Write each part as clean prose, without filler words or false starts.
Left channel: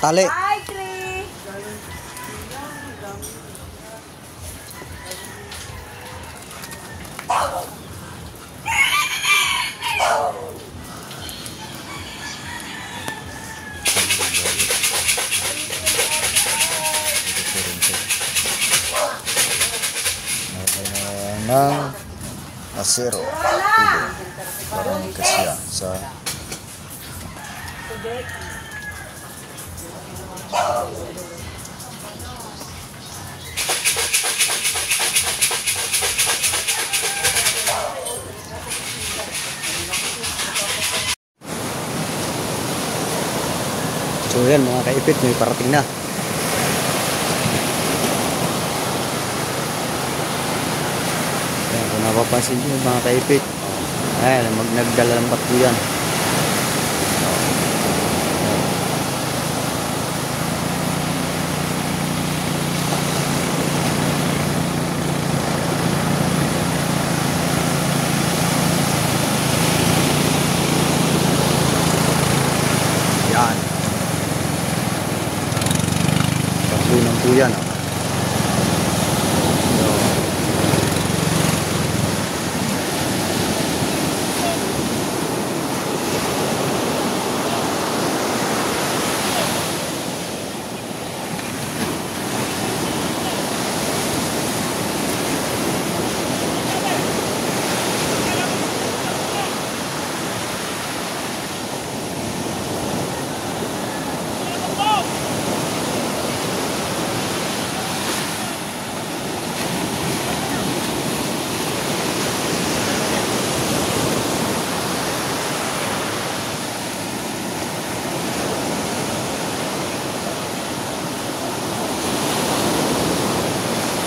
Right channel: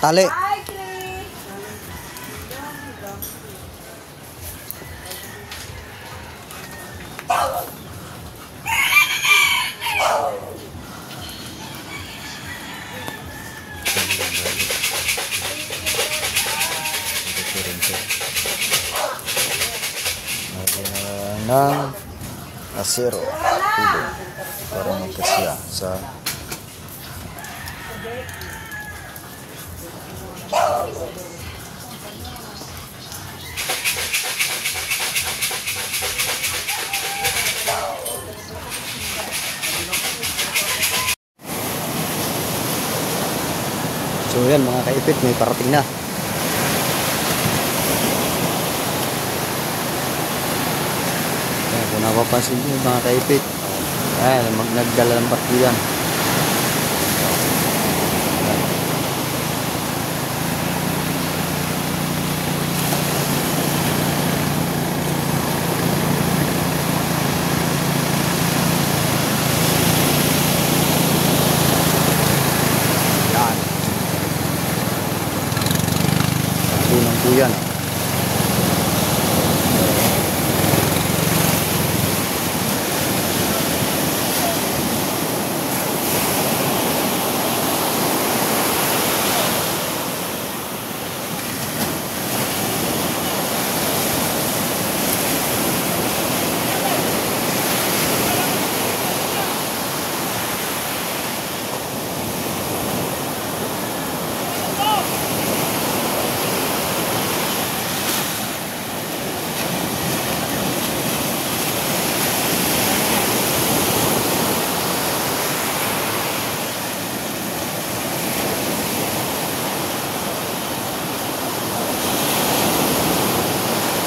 Tali. Hi, Chris. Ng asero para magkasya sa so yan mga kaipit, may parating na. Ayan, kung napapansin nyo mga kaipit, ayan, nagdalambat po yan. Ayan. Yan. Pagtunan po yan.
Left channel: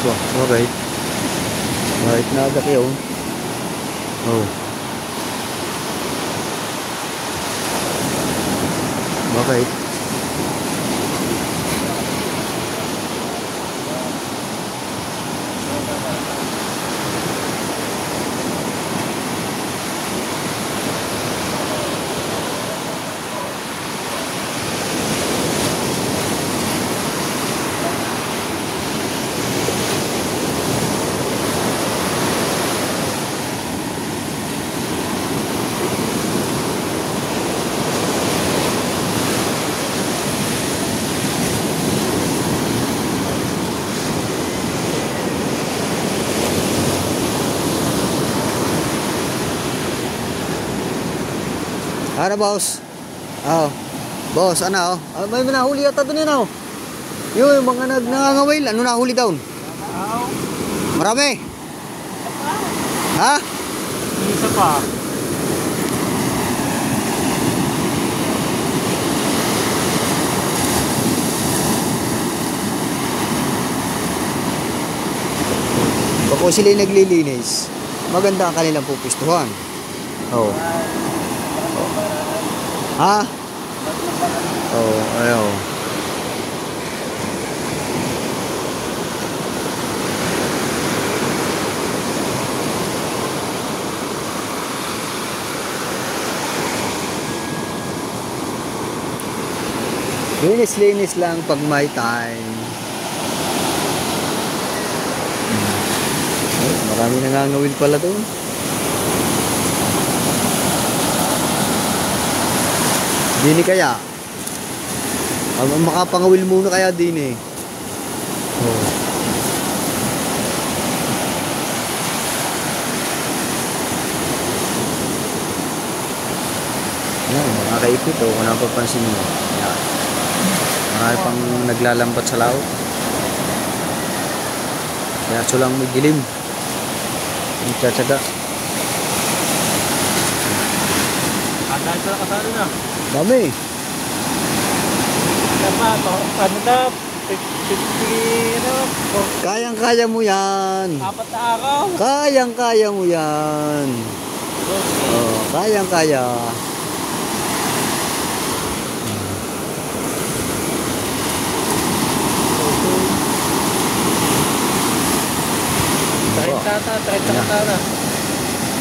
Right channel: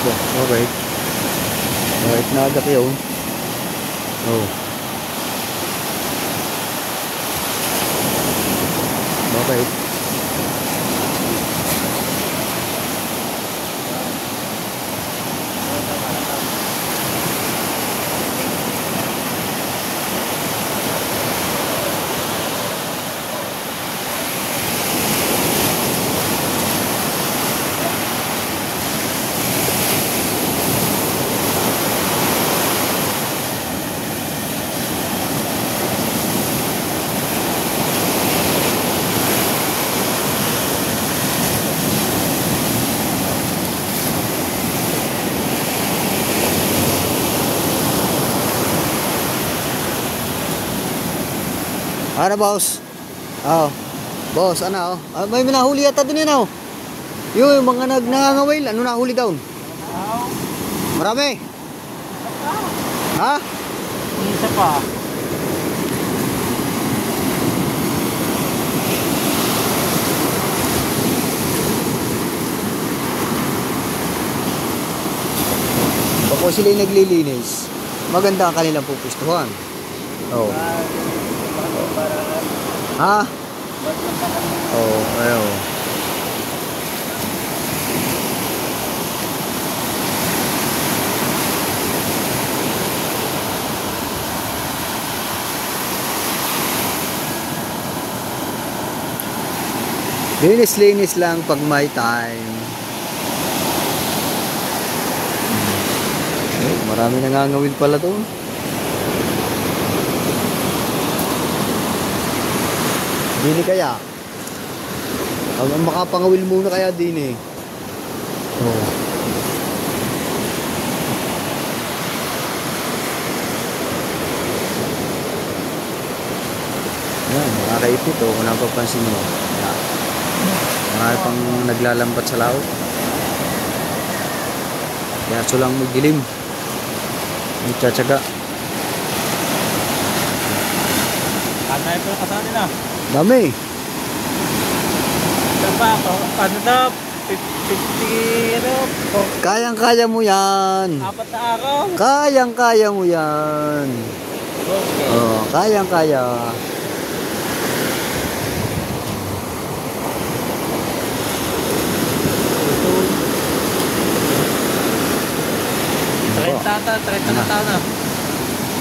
Wah, bakit? Bakit naaga kayo? Oh. Bakit? Ano boss? Oh. Boss, ano? May nahuli yata doon yan oh. Yung mga nangangawil, ano nahuli doon? Marami? Ha? Isa pa. Bako sila yung naglilinis. Maganda ang kanilang pupustuhan. Oh. Ha? Oh, ayaw. Linis-linis lang pag may time. Oh, marami nangangawil pala doon. Dini kaya makapangawil muna kaya din eh. Oh. Yan mga kaipit oh, kung napapansin nyo. Yan. Marami pang naglalambat sa laot. Kaya so lang may dilim. May tsatsaga. Dami. Ano na? 50 Kayang-kaya mo yan. 4 na araw. Kayang-kaya mo yan. Oh, kayang-kaya.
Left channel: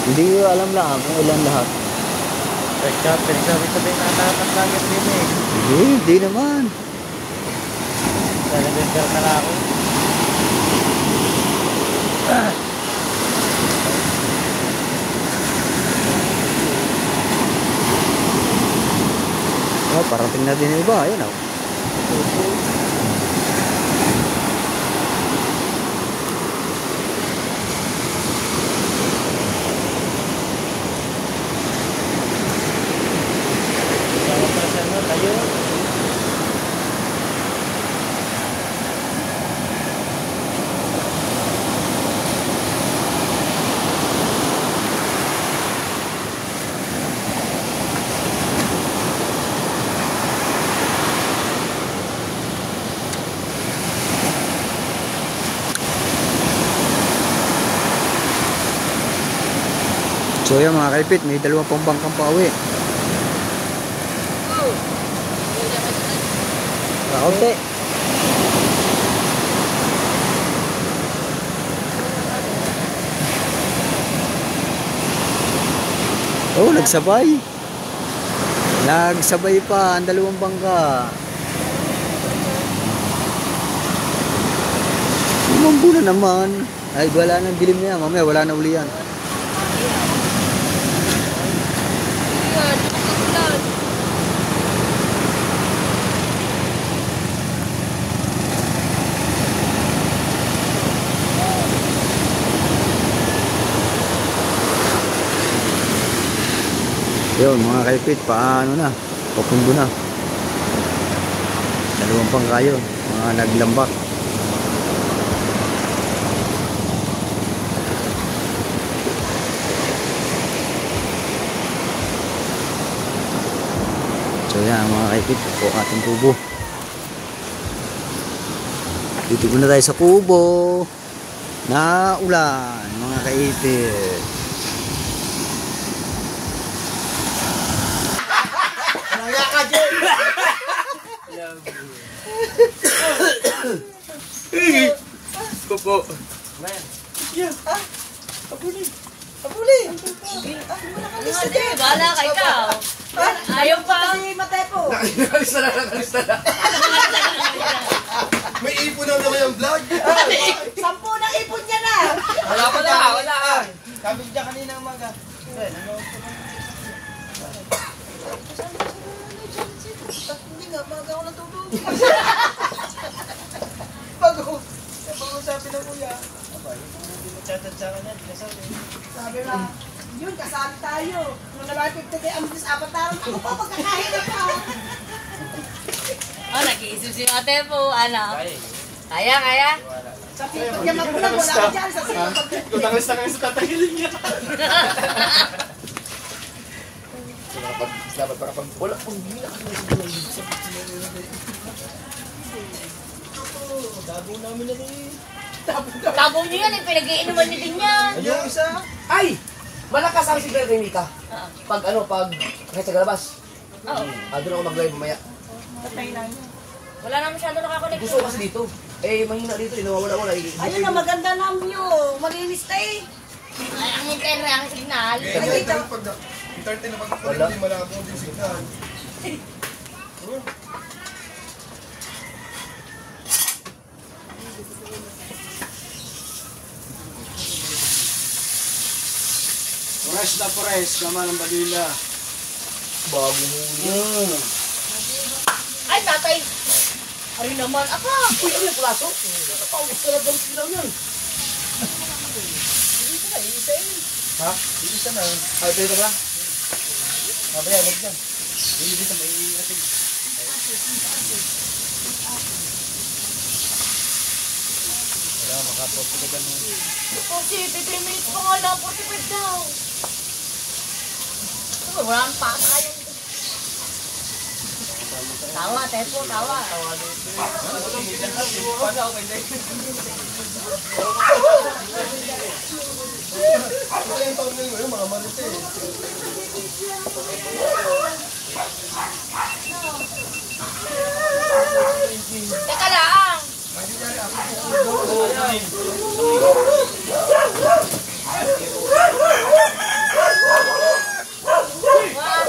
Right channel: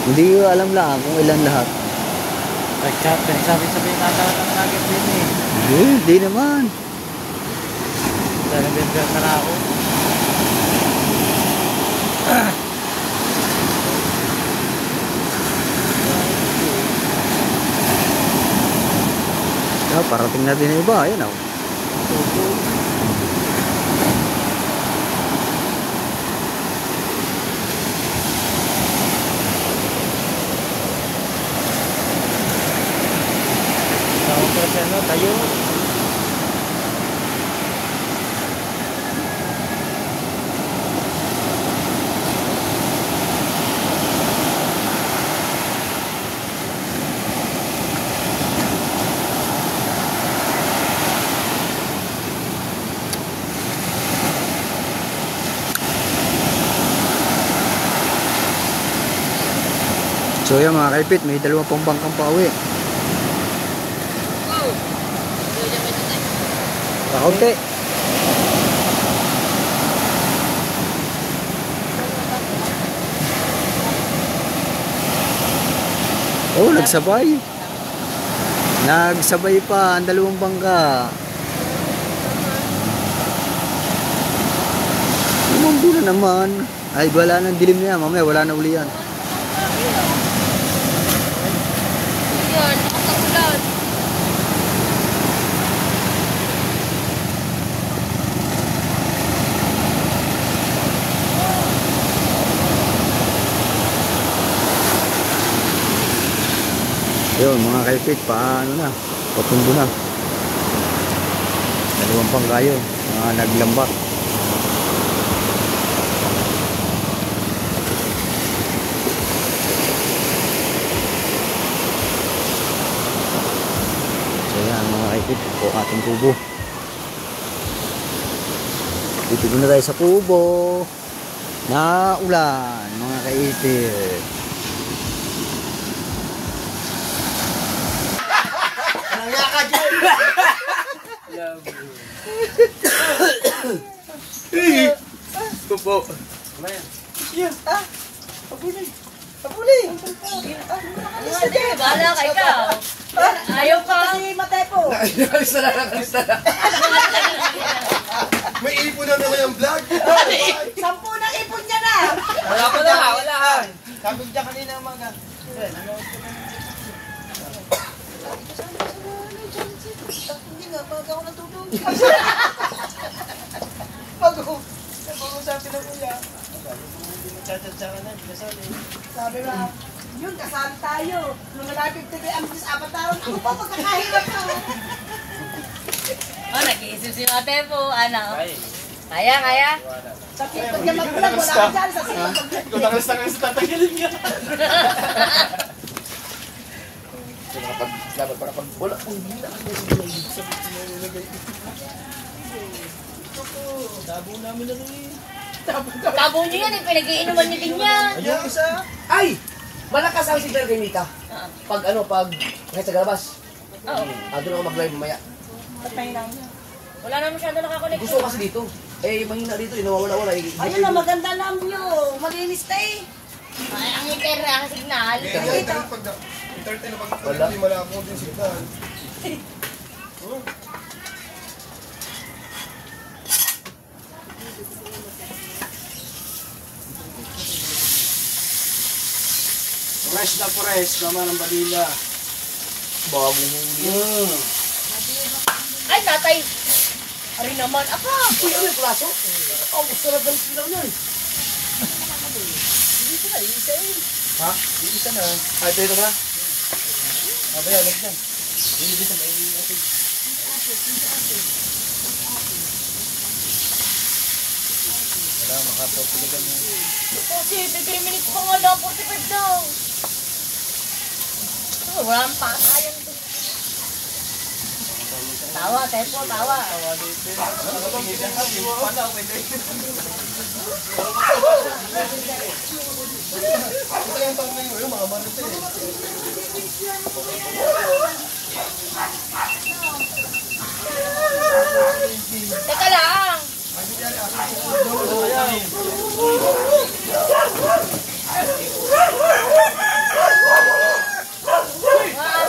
Hindi ko alam lang kung ilan lahat. Pinagsabi-sabi ata ng nugget din eh. Hindi naman. Nalibender na lang ako. Parating na din yung iba. Ayun oh. Tayo. So yan mga kaipit, may dalawang pang bangkang pauwi. Kaunti. Oh, nagsabay. Nagsabay pa ang dalawang bangka. Umambo na naman. Ay, wala nang dilim niya. Mamaya wala na uli yan. Yun mga kaipit, paano na, papundo na. Dalawang pangkayo, mga naglambak. So yan mga kaipit, po ating kubo. Dito na tayo sa kubo. Na ulan mga kaipit. Kupo. Abuli. Bahala ka ikaw. Ayaw pa. Si Matepo. Nakalis na lang. May ipon na naman yung vlog. 10 na ipon niya na. Wala. Sabi niya kanina umaga. Hindi nga, maga ako natulog. Pag-uusapin na kuya. Hindi magtsatsatsaka na, di kasali. Sabi na, yun, kasali tayo. Nung nalapit na kayo, amis 4 taon, ako pa pagkakahirap pa. Oh, nag-iisip si Ate po, ano? Kaya? Sa pipag niya mag-vlog, wala ka dyan. Sa pipag. Kung nakalis na kayo sa tatanggalin niya. Dapat makapag wala pong gila Dabo namin na rin. Tabo niyo yan, pinag-iinuman niyo din yan. Yung isa. Ay! Malakas ang signal kay Mika. Pag kahit sa galabas. Oo. Doon ako mag-live mamaya. Patay na niya. Wala na masyado nakakonect. Gusto ko kasi dito. Mahina dito. Nawawala-wala. Ayun na, maganda lang view. Malinis na eh. Ay, ang internet, ang signal. Entertain na pag Wala. hindi malabo din signal. Pores, tama ng balila. Bagong huli. Ay, tatay. Ari naman, apa? Uy, ano yung plaso? Ang sarap ng silaw yan. Ha? Isa na. Ay, ito na. Abaya, lag dyan. Hindi sa may ating. Wala, makapapiligan mo. Kasi, 15 minutes pa nga lang, 45 daw. Wala ang pangalan to. Tawa, Tepo, tawa. Teka lang.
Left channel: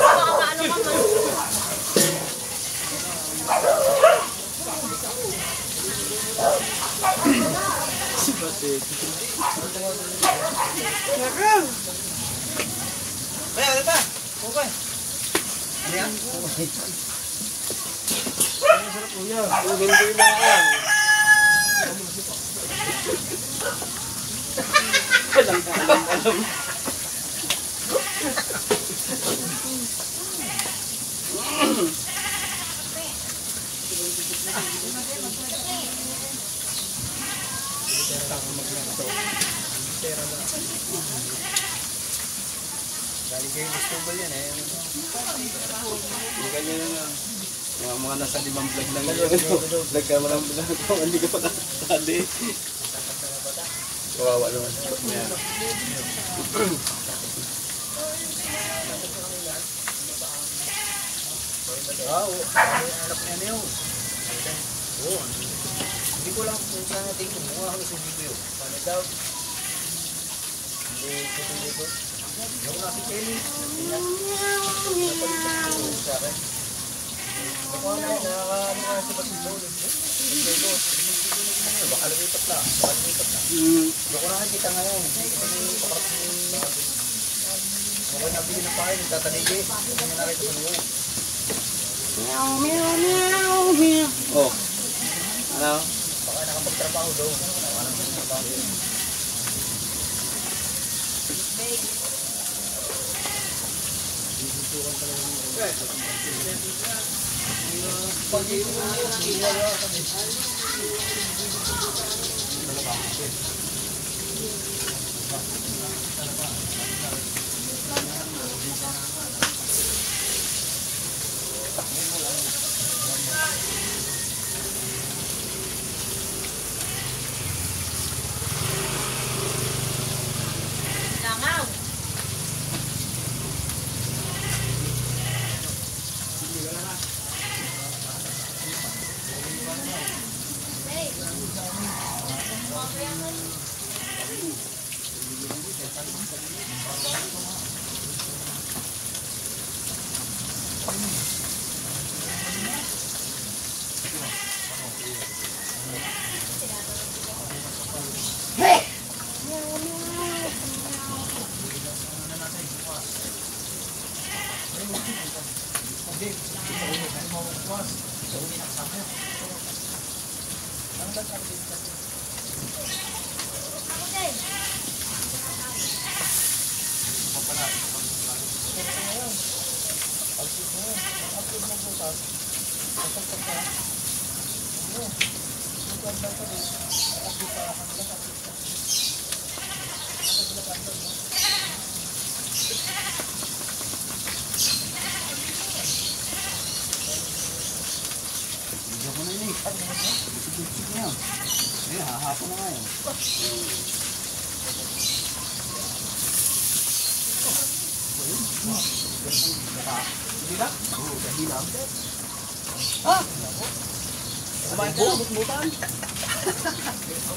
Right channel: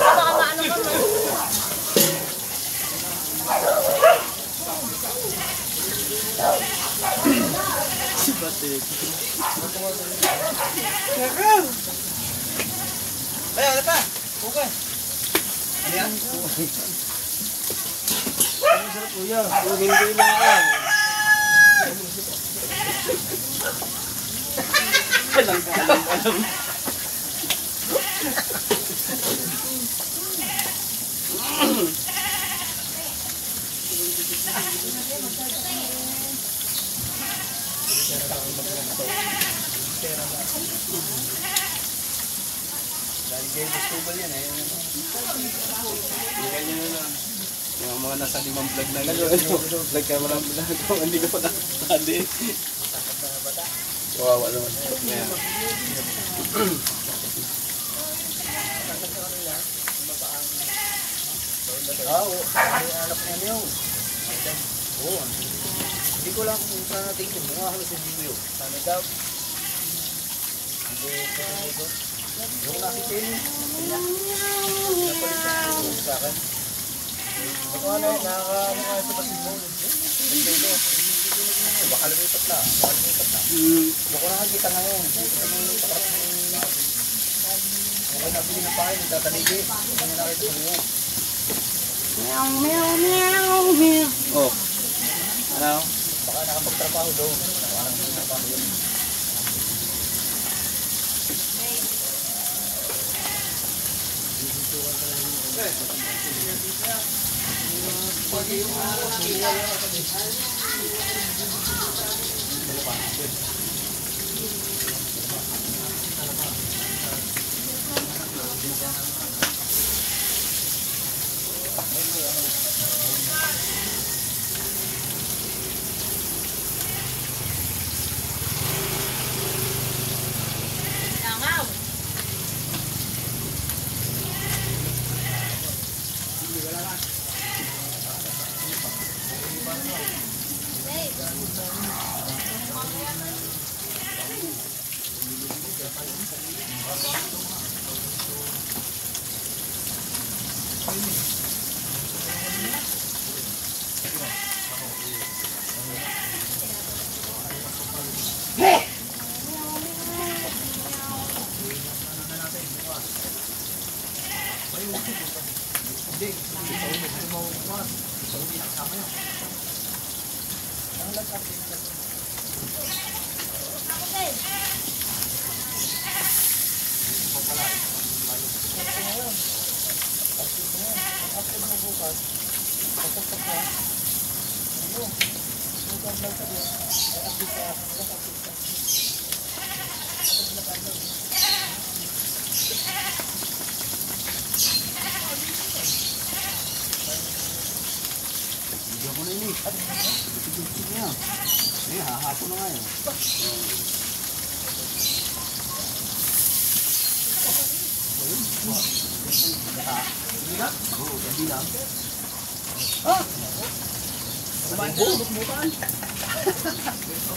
Baka maano ka man. Ay, ano pa? Pukay. Ano yan? Hindi na ako. Alam. Galing kayo gusto ba yan eh? Hindi kayo yung mga nasa 5 vlog lang yun. Vlog ka mga vlog. Hindi ko pa nakasali. Kawawa naman. Yeah. Anak niya niyo. Oo. Hindi ko lang kung saan natin kumuha kami sa video. Paano daw? Hindi ko dito. Yung nasi Penny. Napalitan ko sa akin. Baka na yun, nakakaano ka sa basketball. Baka lumipat na. Baka kita ngayon. Hindi ko kami pakarap ng okay, nabili ng pahay, nagtatanigi. Hindi nyo nakita sa inyo. Oh. Ano? Baka nakapagtrabaho daw. Baka nakapagtrabaho yun. Langaw.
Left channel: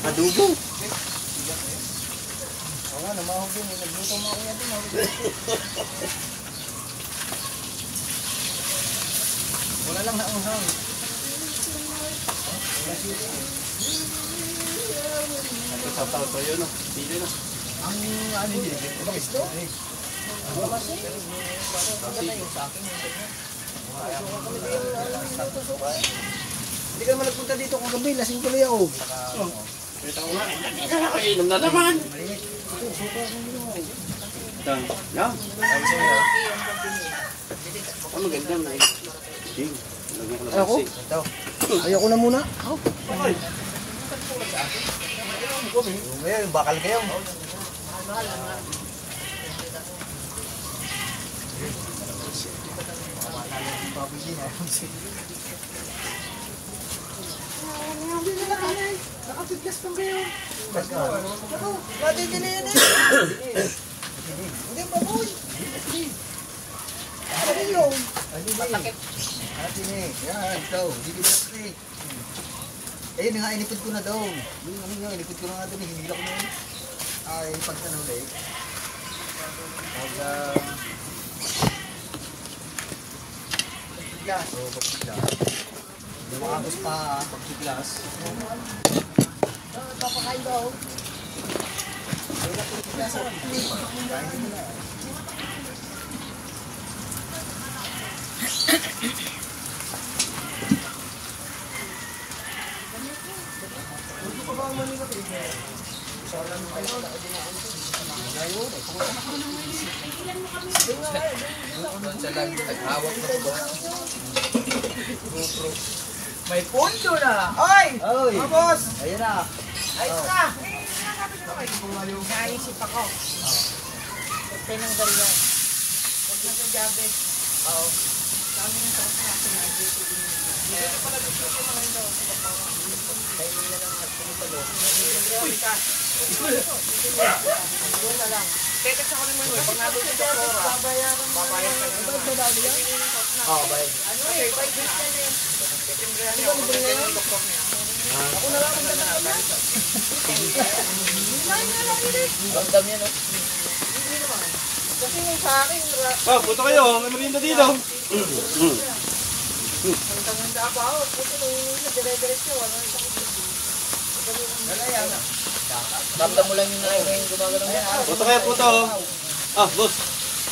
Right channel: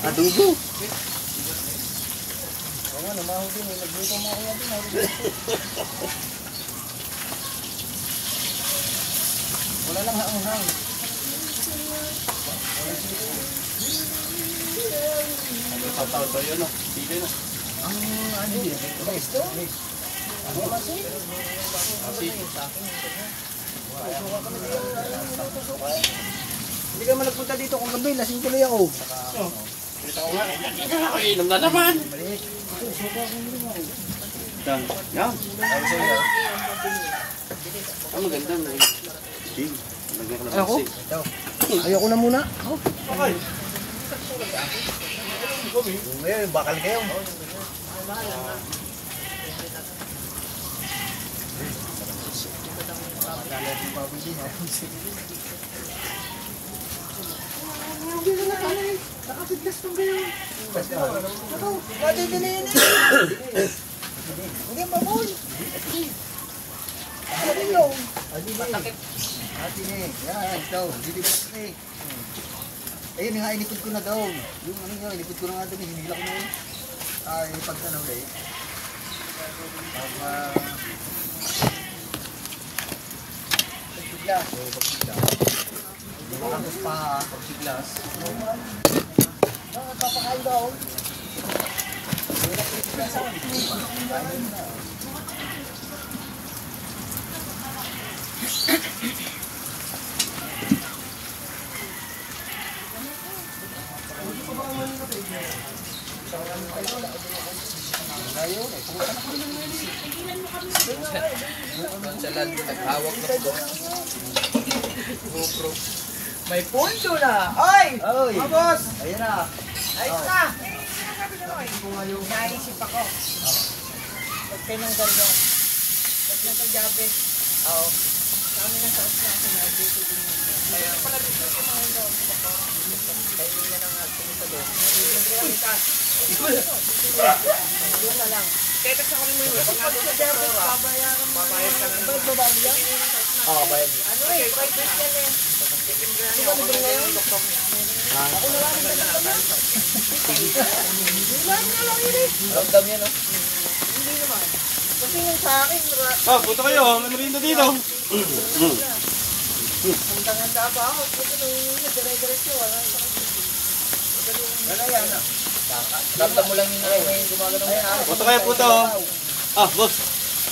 Adubo. Oo, namahog din. Nagluto mo ako natin. Wala lang haang-hang. Tataw to yun, no? Dito, no? Ang ano yun? Gusto? Ano ba siya? Hindi ka naman nagpunta dito kung gabi. Lasing tuloy ako. Ito ko nga. Ito na ako. Inom na naman. Yan. Ang maganda na eh. Ayoko. Ayoko na muna. Okay. Ngayon, bakal kayo. Nakapiglas pang kayo. Pwede giniin eh. Hindi, baboy. Ano yun? Ate ni, yan, ito. Hindi ba ito ayun nga, inipid ko na daw. Yung ano nga, inipid ko na nga daw. Hinila ko na yun. Ay, pagka na ulit. Pagka... Pagkiglas. Pagkiglas. Agos pa, pagkiglas. Papakain daw. Doon sa land, naghawak na po. GoPro. May punto na! Oy! Oy! Mga boss! Ayun na. Ayos na! Naisip ako. Huwag tinanggal yan. Huwag na sa jabe. Oo. Kami ng taas na ako na dito din yun. Kaya pala dito ko mga ito. Kaya nila lang ako nito doon. Yun na lang. Tetext ako ni mo yun. Pag nandun sa doktora, babayad ka na naman. Oo, bayad. Ano eh, 5 days yan eh. Titimbrihan niya. Ako na yung doktor niya. Ramdam niya, no? Kasi yung sa akin, Punta kayo. May merienda dito. tanganda ako. Kasi nung dire-diretso, wala yung sakit. Ramdam mo lang yung gumagano mo. Punta kayo, puto. Boss.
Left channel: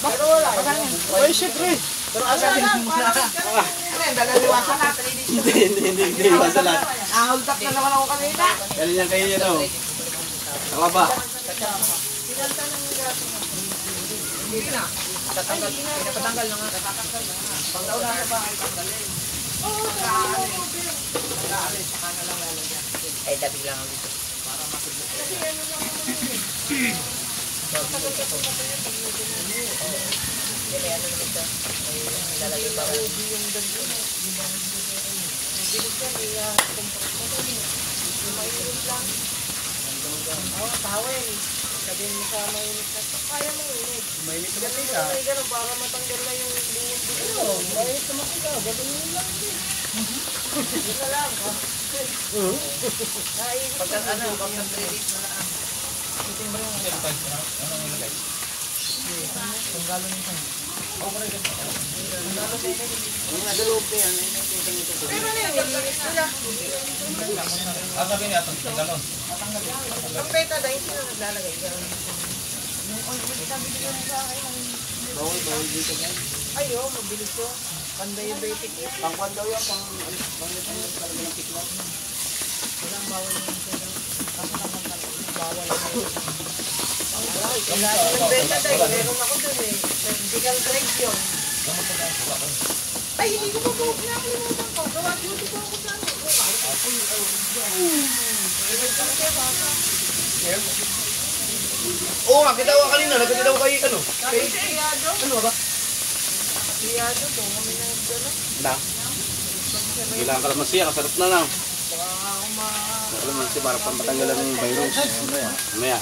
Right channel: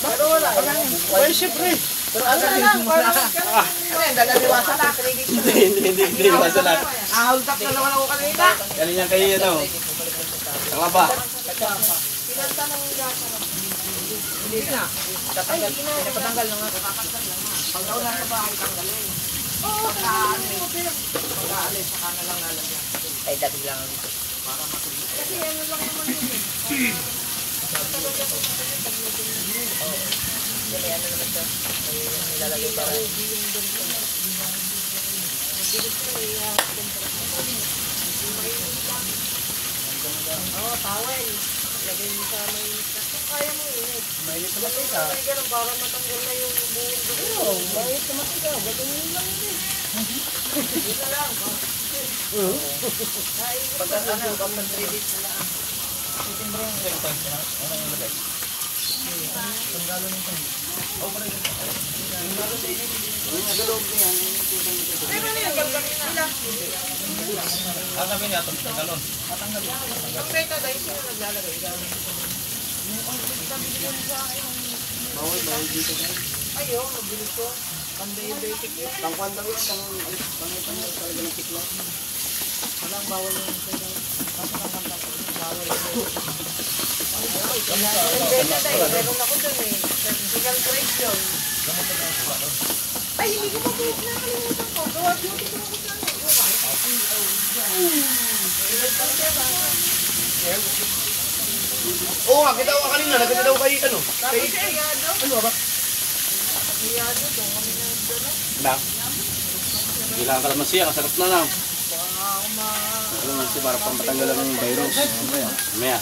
Pero wala. Ay, syempre. Pero asan din mo na? Ano yan? Dalaliwasan na. Hindi. Basta lang. Hold up na naman ako kanina. Galing yan kayo, ano. Kalaba. Pinalta ng gaso. Hindi na. Pinapatanggal na nga. Pag daw na sa bahay, tanggalin. Pagkaalis, saka na lang lalagyan. Ay, dati lang ako dito. Kasi ano lang naman yun eh. Yan, ano naman siya. May nilalagay pa rin. Towel. Lagyan mo sa mainit na. Kaya mo init. Mainit naman May ganun para matanggal na yung buhol. Mainit naman ito. Gagawin lang ito. Yun na lang. Pagka ano, pagka 3 days na na. Ang beta dahil sino naglalagay dyan? Bawal dito. Ay, mabilis ko. Pan-diabetic eh. Pangkwan daw yan. Pang talaga ng tikla. Walang bawal yung siya daw. Kasi naman talaga, bawal yung Ang beta dahil, meron ako dun eh. Surgical grade yun. Ay, hindi ko pa po nakalimutan ko. Gawa duty ko ako dyan eh. Oo nga, kita ko kanina. Nagkita daw kay ano. Kay ano ba? Liyado, doon kami na dyan eh. Lang. Kailangan kalamansi. Kasarap na lang. Kalamansi para matanggalan yung virus. Maya.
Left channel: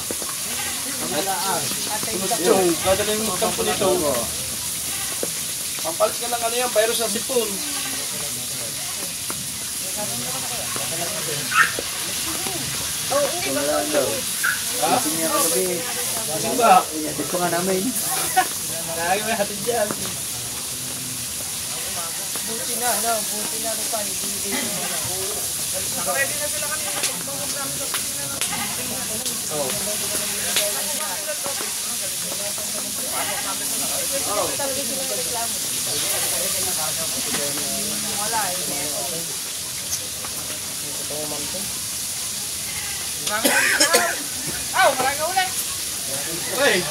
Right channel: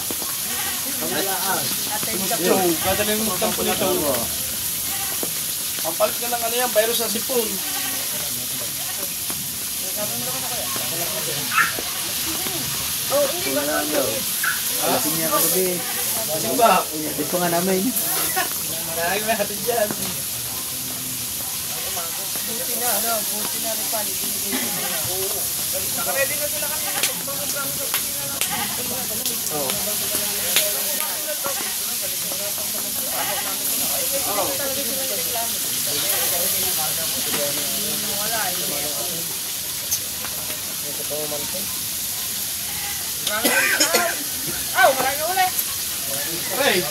Yung kadali mo kampo nito. Pampalit ka lang ano yan. Virus sa sipon. Lasing niya kagabi. Ano ba? Dito nga namin. Kaya natin dyan. Buti na, ano, buti na rin pa. Nakaready na sila kanina. Pag-program sa Marami uli. Hey!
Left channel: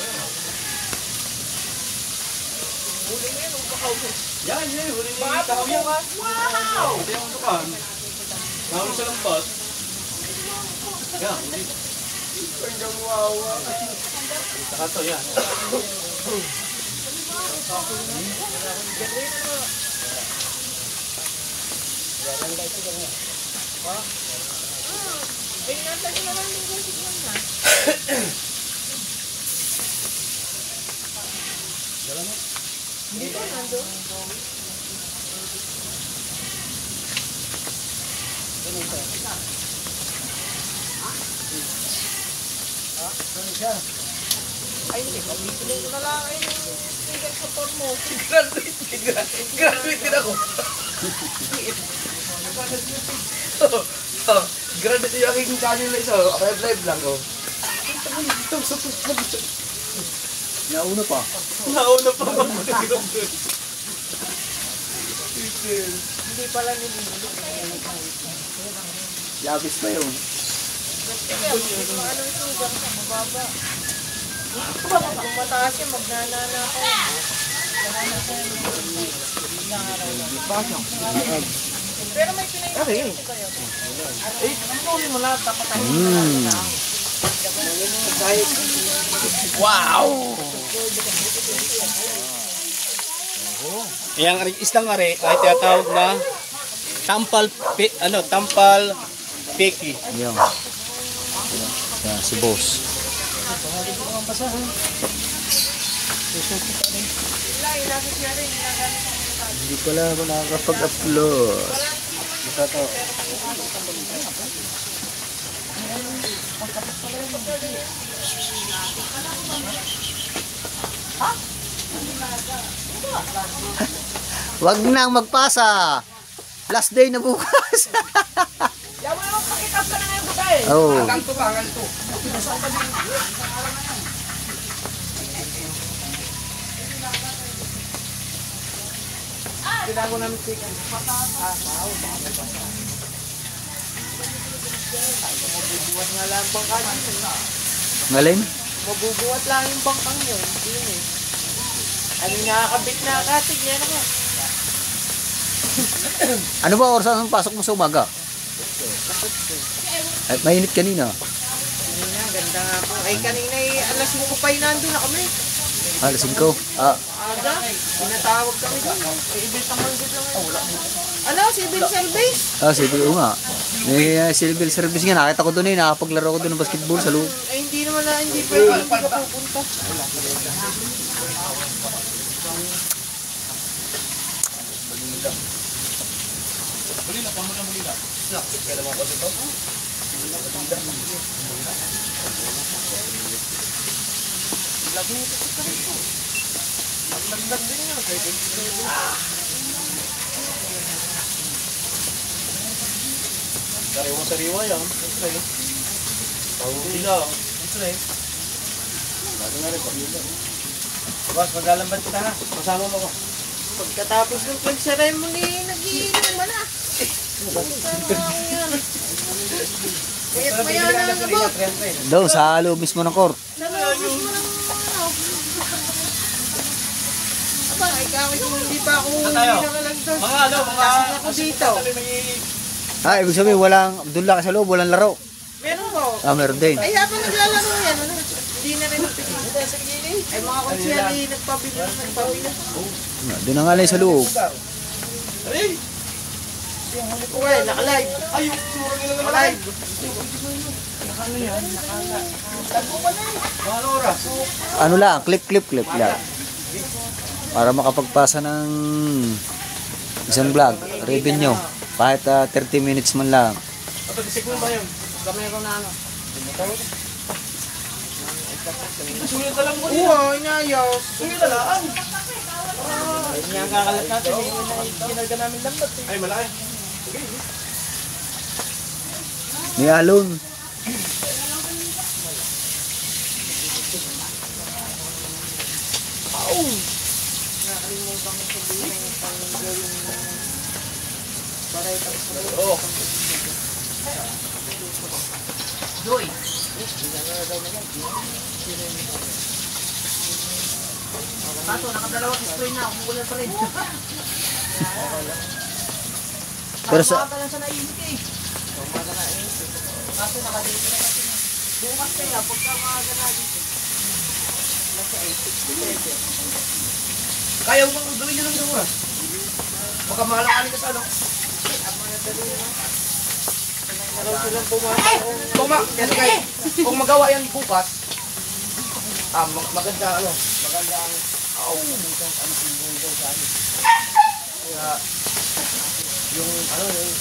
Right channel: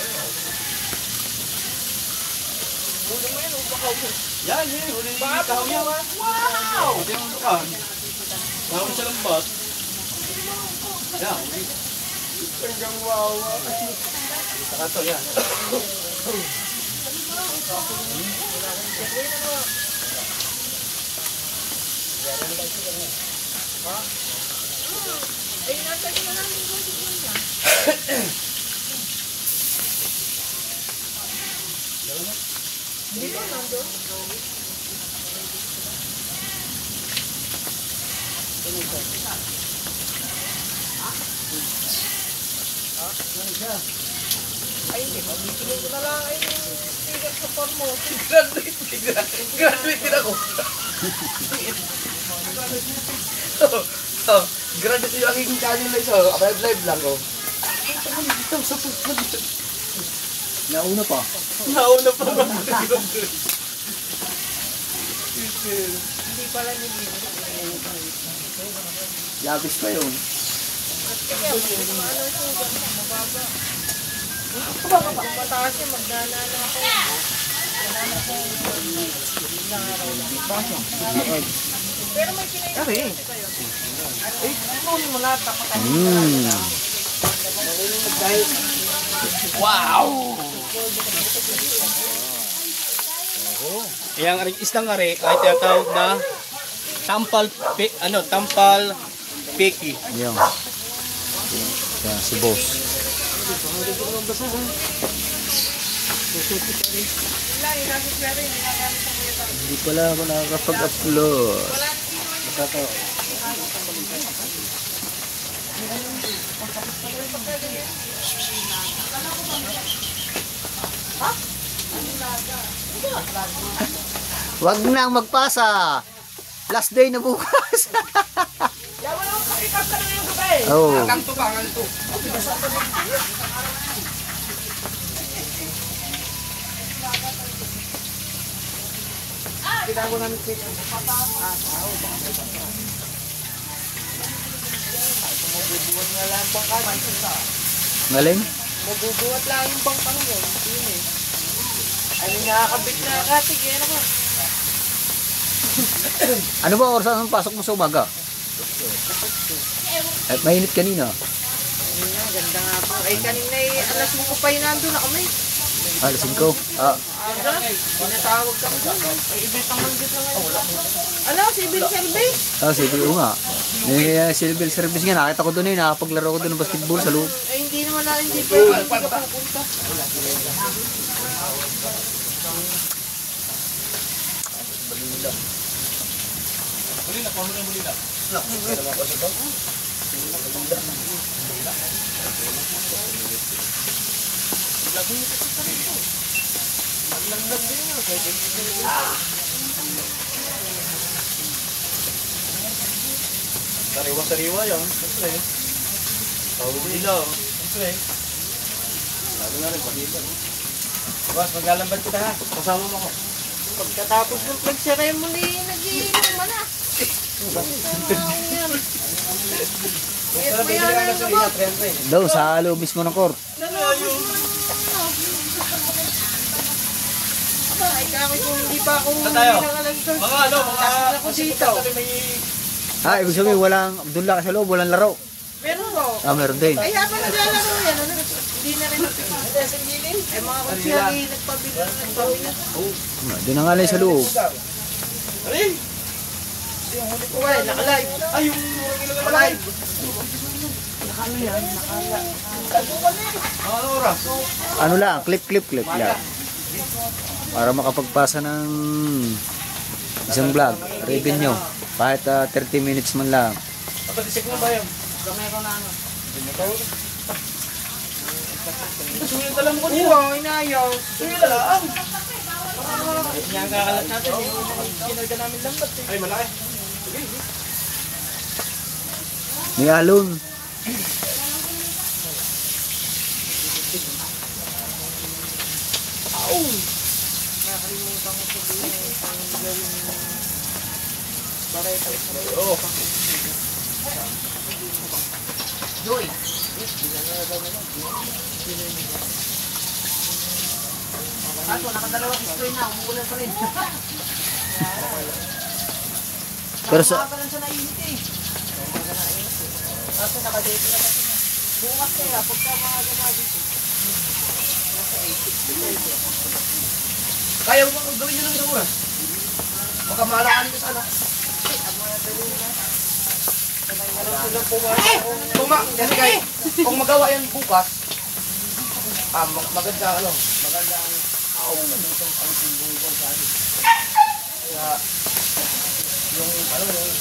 Huli mo yan, upakaw mo. Yan, yan. Huli ni Kaham yan. Wow! Ito yung dukan. Nakawin sa lambat. Yan, huli. Saka ito, yan. Ay, nasa na namin ko si Gina. Dito, nandun. Ay, hindi. Pag-ituloy ko na lang eh. Tinggal sa form mo. Graduate din ako. Oh, graduate yung aking channel na isa. Live lang ko. Nauna pa. Nauna pa ba? Hindi pala nililito. Yabis pa yun. Ano ito dyan? Mababa. Kung mataas yung magnanana ako. Pero may pinay kayo. Eh, ano mo lahat? Wow! Yang isang ari ay tinatawag na tampal peki. Yung. Yan, si boss. Hindi pala ako nakakapag-upload. Wag nang magpasa. Last day na bukas. Yawa naman pakikap ka na ngayon babae. Oh. Kanto ba? Kanto. Kailangan ko namin chicken. Mabubuhat nga lang ang bangka. Ngaling? Mabubuhat lang yung bangkang yun. Hindi eh. Ano nakakabit na katig? Yan ako. Ano ba oras ang pasok mo sa umaga? At mainit kanina. Ganda nga po. Ay kanina alas 5 pa yun nandun na kami. Alas 5. Ah, Tinatawag kami doon. Ibig ang manggit lang ngayon. Ano? Civil service? civil nga. Civil service nga. Nakita ko doon nakapaglaro ko doon ng basketball sa loob. Ay hindi naman na hindi pwede. Hindi ka pupunta. Sariwa-sariwa yan. Siyempre. Pahuli lang. Siyempre. Bago nga rin, pakita. Boss, maglalambad kita ha. Kasama mo ko. Pagkatapos ng flag ceremony, nag-iinom mo na. Doon sa loob mismo ng court. Ay, kami kung hindi pa ako tayo? nag-surf. Mga ano, mga... Ako dito. Ibig sabihin walang Abdullah ka sa loob, walang laro. Meron ko. Meron din. Ay, habang naglalaro yan, ano? Hindi na rin napikin. Ay, mga konsyali, nagpabili. Doon na nga lang sa loob. Alin? Uy, naka-live. Ay, yung Naka-live. mga oras. Ano lang, clip lang. Para makapagpasa ng isang vlog, revenue. Kahit 30 minutes man lang. Patisik mo ba yun? Kamero na ano. Sulit na lang ko Oo, inayaw. Sulit na lang. Yan kakalat natin. Kinalga namin lambat. Ay, malaki. May alon. Joy. Kaso, nakadalawang screen na. Umuulan pa rin. Pero sa Nakaka lang siya naisip eh. Kaso, nakadate na kasi na. Bukas kaya, pagka maaga na dito. Nasa 8. Kaya mo bang gawin nyo ng isang oras? Baka mahalakanin ka sa ano? Kung magawa yan bukas, maganda ano, maganda ang nanditong ang simbol sa akin. Kaya, yung ano, yung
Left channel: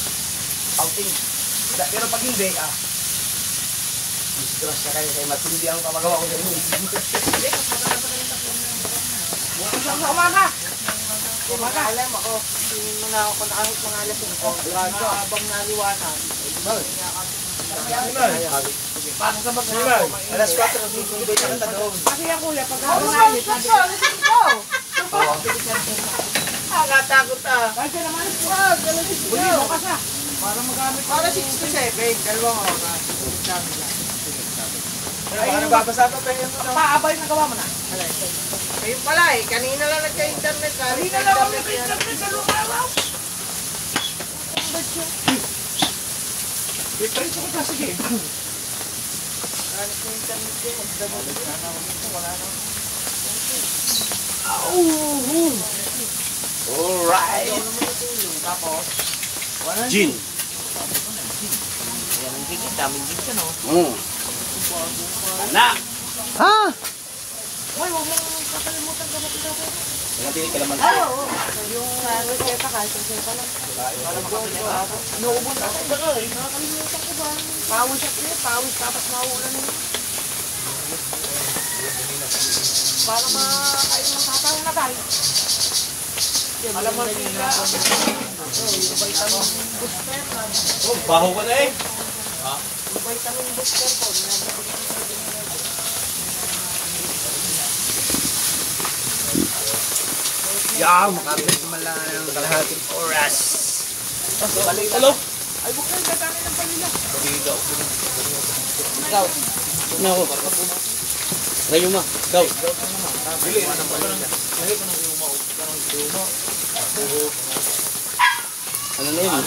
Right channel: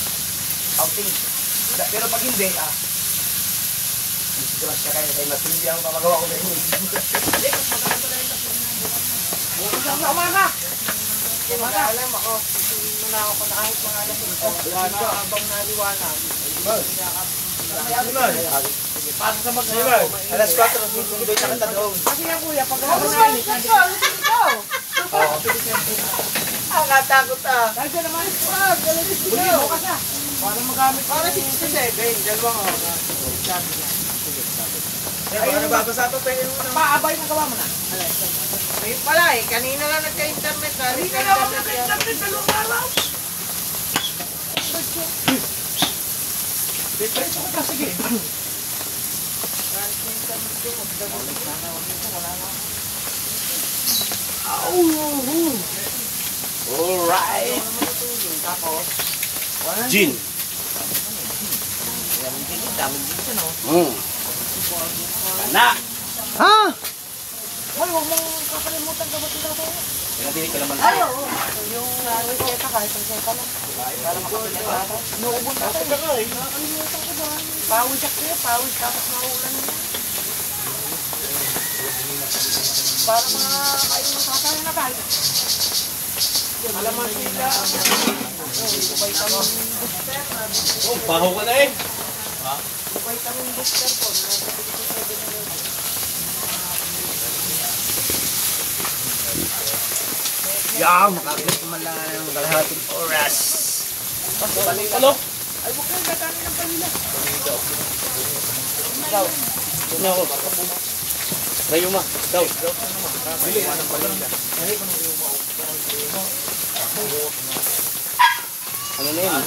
outing. Pero pag hindi, disgrasya kayo kay matindi ang pamagawa ko dahil. Umaga! Umaga! Alam ako, muna ako naahit mga alas 5. Habang naliwanag, Pasok sa bagay. Alas 4, susunod ka kita doon. Kasi yan kuya, pag nakakainit, ikaw. Nakatakot ah. Kahit siya naman, wag, galalis ikaw. Bukas ah. Para magamit. Para 67. Dalawang oras. Ayun, babasa ito. Paabay na gawa mo na. Ayun pala eh. Kanina lang nagka-internet. Kanina lang ako nagka-internet. Dalawang araw. Diretso ko ka, sige. Alright. Tapos, Gin. yan ang gin. Daming gin ka no. Anak. Ha? Hoy, huwag mong kakalimutan kapatid ako. Pinatinig ka naman. Ay, oo. Yung reseta kahit reseta lang. Para makapili ka ata. Inuubos na tayo. Nakakalimutan ko ba? Pawis at kaya, pawis tapos mauulan na. Para makain ng tatay na tayo. Alam mo sila. Vitamin booster. Oh, baho ka na eh. Vitamin booster po. Yeah, makabit man lang ng kalahating oras. Hello? Ay, buklan ka kami ng kanila. No. Ngayon mo. Go. Ano na yun?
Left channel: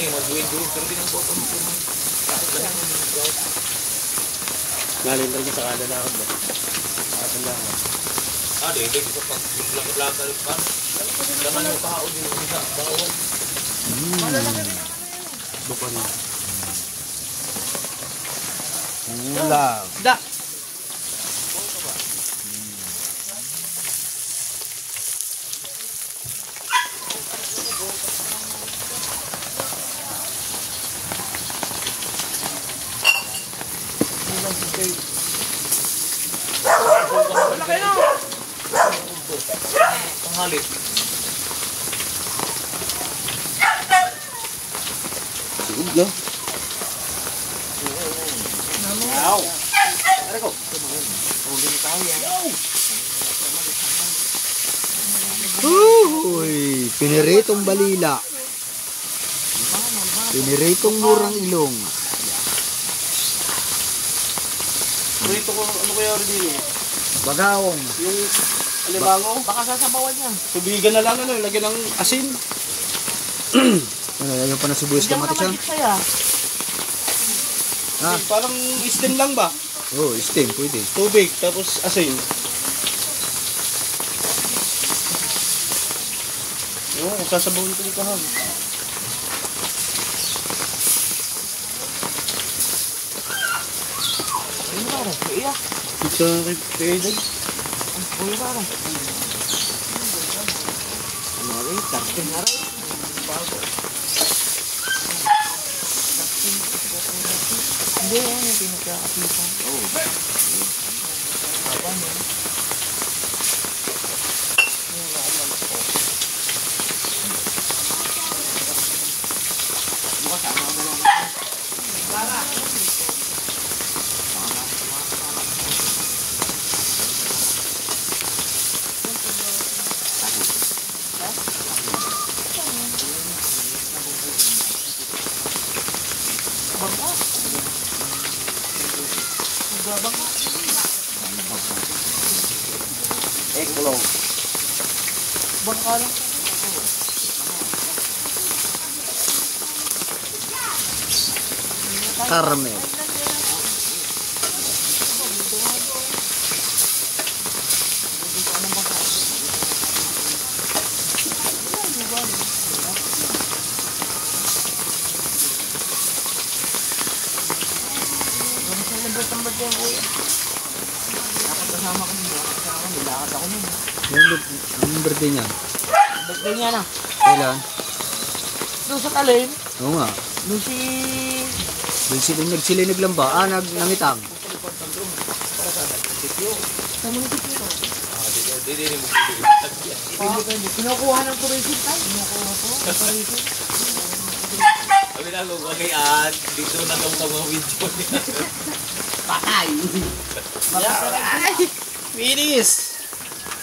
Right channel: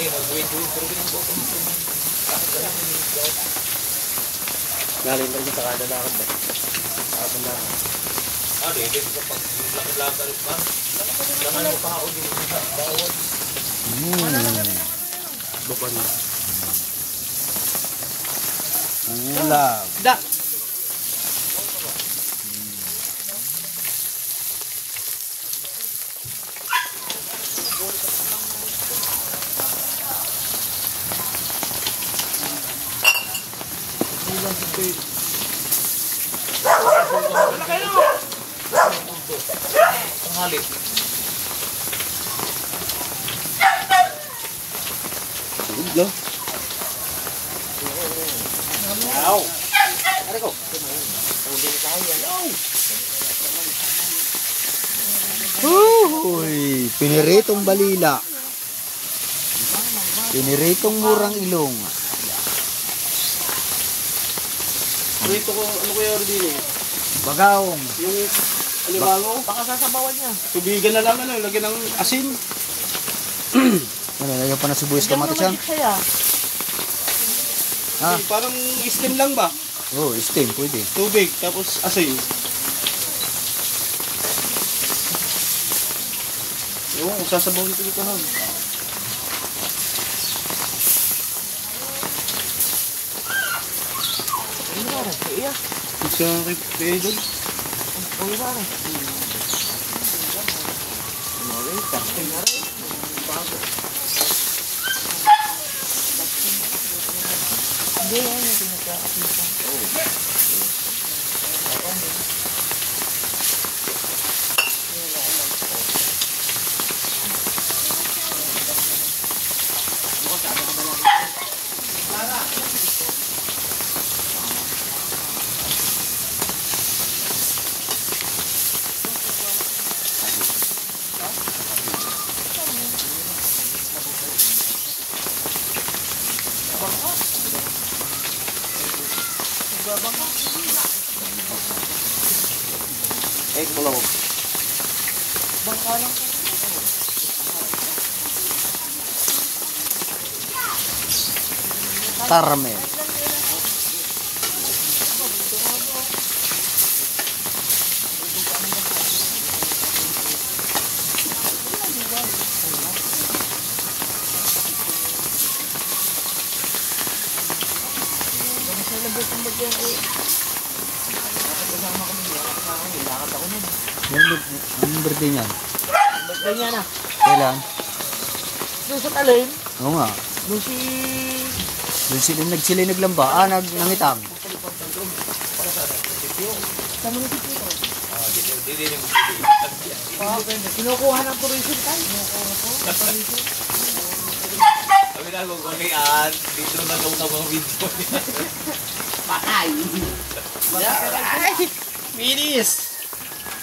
Galing pa rin sa kada lakad ba? Kada lakad. Bukan. Ulam. Da. Pangalit. Ulam. Wow. Ari ko. Uy, piniritong balila. Piniritong murang ilong. Rito ko, ano ko yung din eh? Bagawong. Yung alimango? Baka sasabawan niya. Tubigan na lang, ano, lagyan ng asin. Ano, yung panasubuyas kamatis yan? Ah. Parang steam lang ba? Oh, steam, pwede. Tubig, tapos asin. Yung sasabawin ko dito ha. Isa kay Pedro. Egg blow. Caramel. Yung birthday niya. Birthday niya na. Kailan? Doon sa talim, Oo nga. doon si... Doon sila naglamba. Ah, nangitang. Sa munisipyo ko. Kinukuha ng tourism tayo. Sabi na kung dito na daw sa mga video niya. Patay. Minis!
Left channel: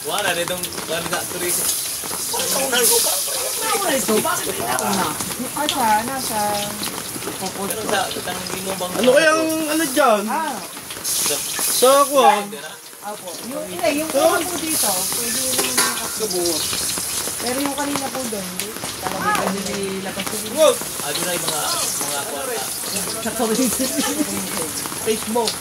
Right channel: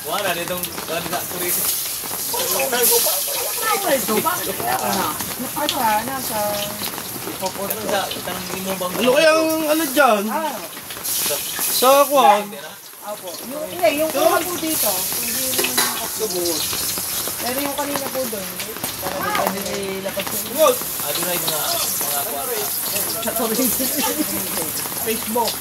Wala, ditong wala turismo. Ano kayang ano dyan? Sa ako ah. Yung una po dito, hindi naman pero yung kanina po doon, hindi lakas po. Ano na yung mga Facebook.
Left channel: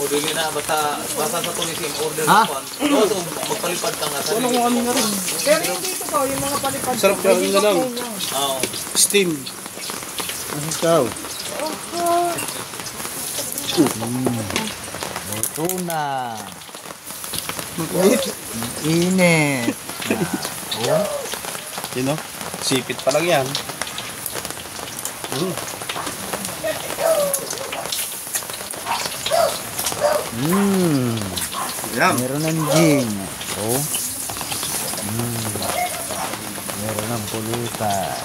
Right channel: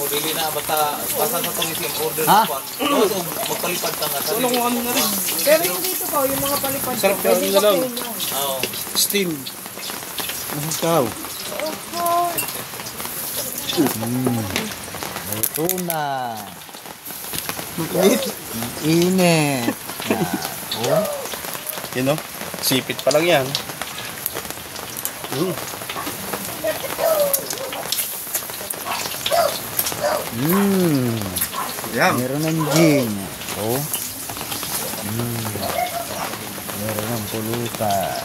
o dili na basta sa tourism order Ha? na po. So magpalipad ka nga. Ano kung ano na rin? Pero yung dito po, yung mga palipad. Sarap yan na lang. Oo. Steam. Ikaw. Luto na. Init. Oh. Yun o. Sipit pa lang yan. Yan. Meron ng gin. Oh. Meron ng pulutan.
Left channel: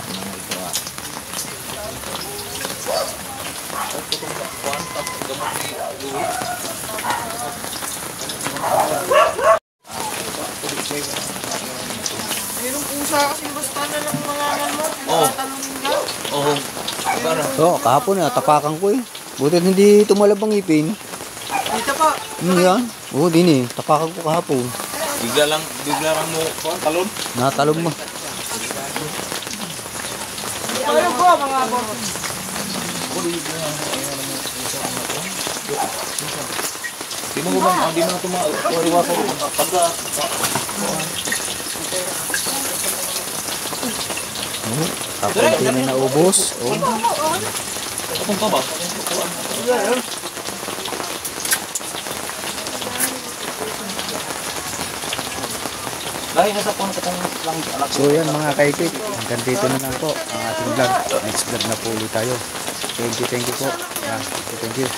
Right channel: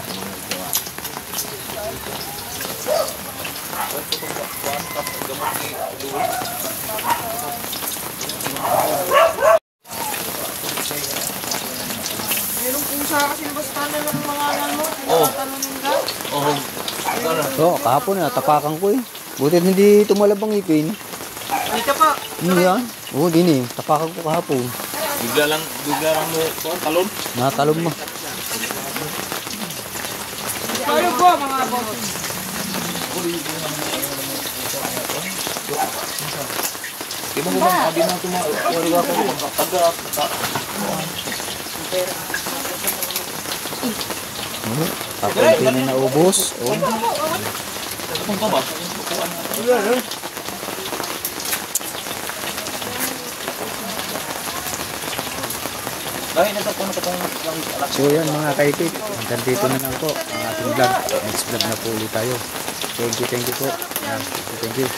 Meron po sa akin basta na ng mga mo. Oh. Tatanungin ka. Oo. Para. Oh, kahapon na tapakan ko eh. Buti hindi tumalab ang ipin. Dito po. Yan. Oh, din eh. Tapakan ko kahapon. Bigla lang mo talon. Natalong mo. Ano po mga boss? Di mo tumawa pa pagka Oh, tapos hindi na naubos. Oh. akong pa ba? Dahil nasa punta kong lang anak. So yan mga kaikik, hanggang dito na lang po ang ating vlog. Next vlog na po ulit tayo. Thank you po. Yan, thank you.